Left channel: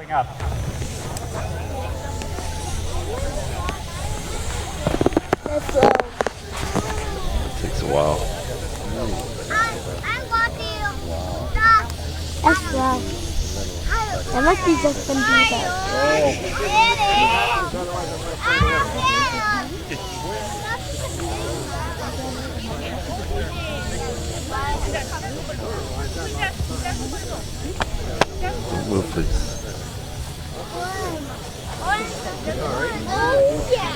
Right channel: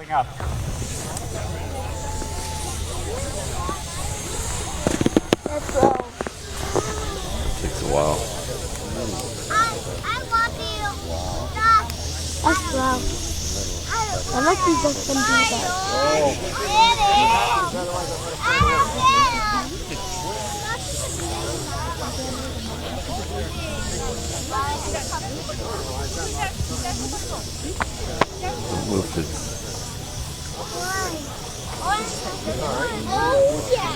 going up. Let's go. Takes a while. That's wow. I must be just gonna do that. Don't move, please. Oh yeah.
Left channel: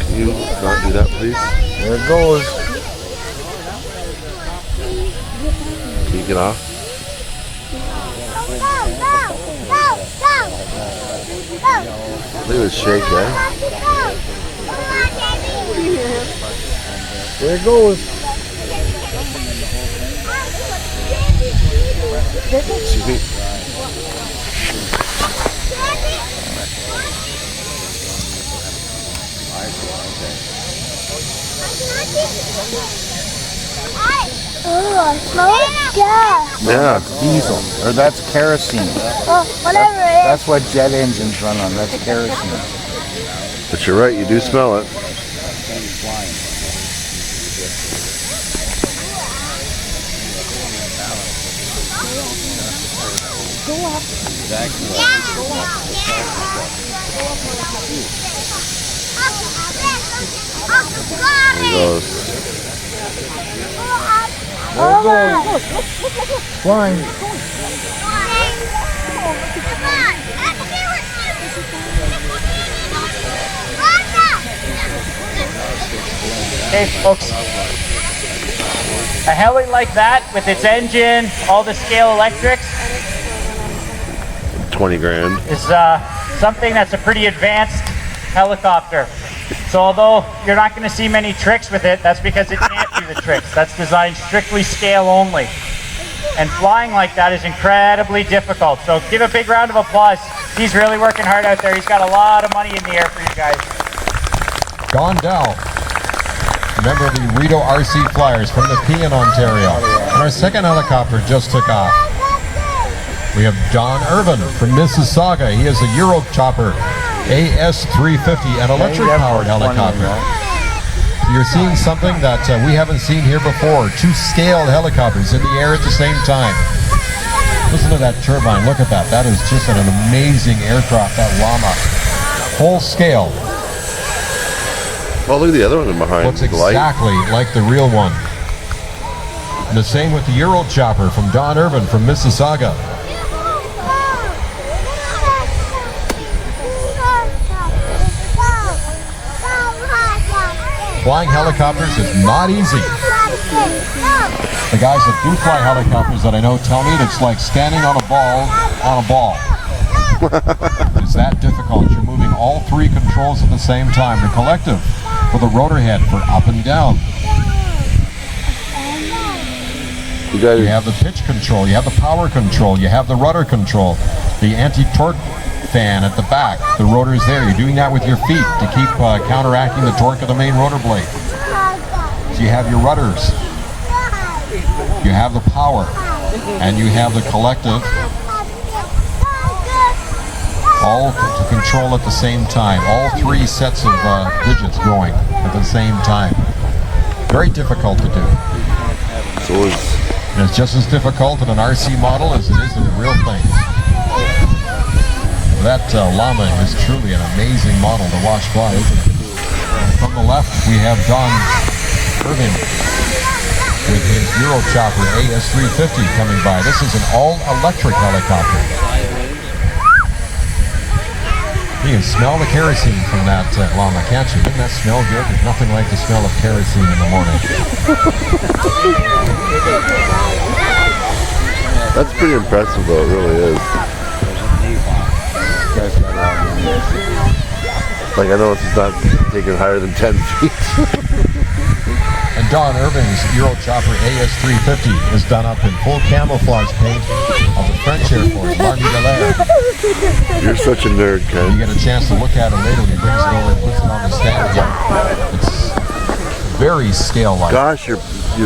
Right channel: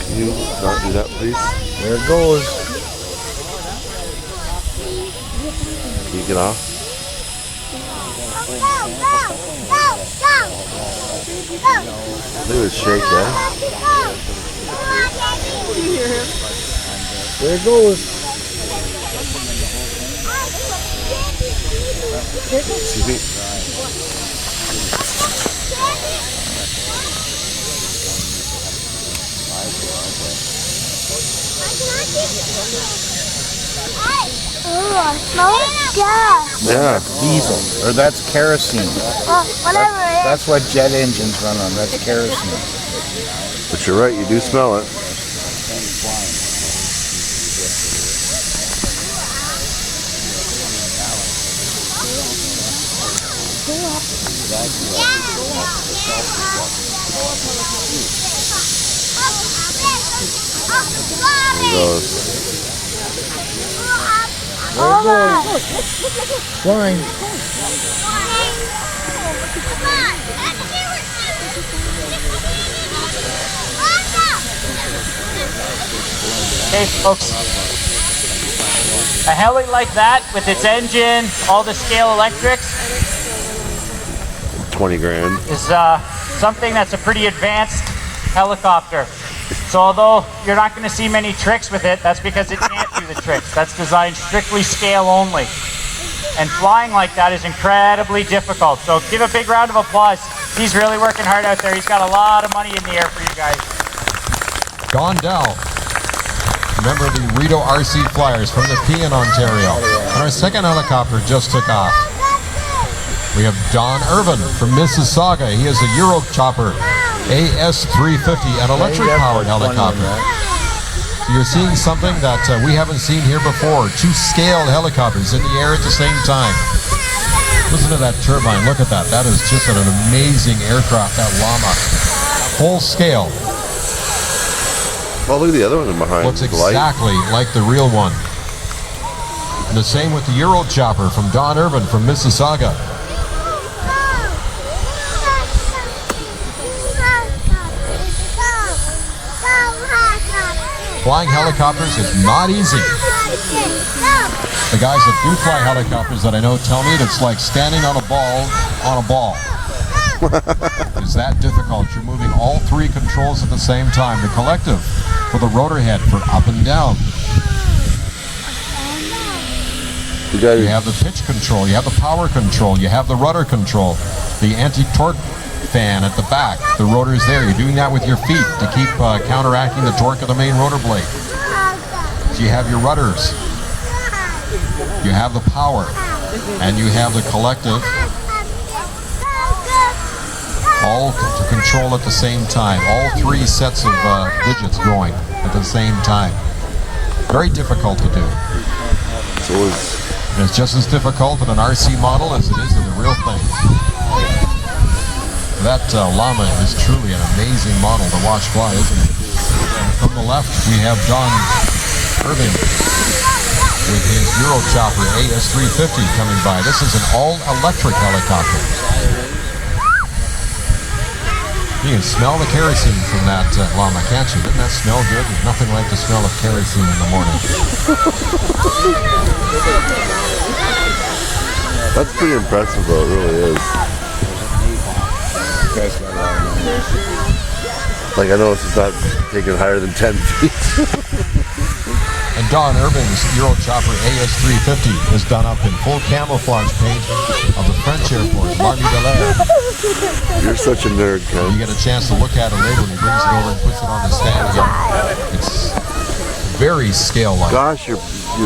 Can you not do that, please? There it goes. Can you get off? Look at it shake, eh? There it goes. Excuse me. Oh, smell it? Yeah. Yeah. Diesel. Or that's kerosene. Oh, whatever it is. That's what jet engines run on. That's kerosene. But you're right, you do smell it. There he goes. Flying. Okay, folks. A heli like that with its engine, all the scale electrics, 20 grand. is something that's a pretty advanced helicopter. So although you're not going to see many tricks with it, that's because it can't do the tricks. That's designed strictly scale only. And flying like that is incredibly difficult. So give a big round of applause. He's really working hard out there. He's got a lot of money in the air for you guys. Don Dell, member of the Rito RC Flyers from the Nepean, Ontario. And our second helicopter just took off. We have Don Irvin from Mississauga. He is a Eurochopper AS350, an electric-powered helicopter. You're seeing something that we haven't seen here before. Two scaled helicopters in the air at the same time. Listen to that turbine. Look at that. That is just an amazing aircraft, that Llama. Whole scale. Oh, look at the other one behind. Looks exactly like the real one. And the same with the Eurochopper from Don Irvin from Mississauga. Flying helicopters is not easy. The guys that do fly helicopters that I know tell me it's like standing on a ball on a ball. It's that difficult. You're moving all three controls at the same time. The collective for the rotor head for up and down. You have the pitch control, you have the power control, you have the rudder control, the anti-torque fan at the back. The rotor is there. You're doing that with your feet to keep counteracting the torque of the main rotor blade. So you have your rudders, you have the power, and you have the collective, all to control at the same time. All three sets of digits going at the same time. Very difficult to do. So it's just as difficult in an RC model as it is in the real thing. That Llama is truly an amazing model to watch fly, isn't it? And from the left, we have Don Irving with his Eurochopper AS350 coming by. This is an all-electric helicopter. You can smell the kerosene from that Llama, can't you? Doesn't that smell good? There's nothing like the smell of kerosene in the morning. that's pretty impressive, though. It really is. Like, I know this is not taking higher than 10 feet. And And Don Irving's Euro Chopper AS350 is done up in full camouflage paint of the French Air Force, L'Armée de l'Air. You're such a nerd, You Ken. get a chance to look at it later when he brings it over and puts it on the stand here. It's very scale-like. Gosh, you're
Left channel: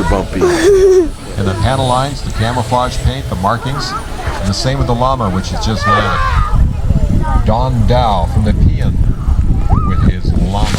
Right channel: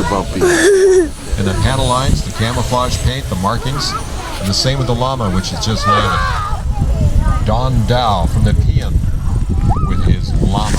bumpy. And the panel lines, the camouflage paint, the markings, and the same with the llama, which is just landed. Don Dow from the Peon with his llama.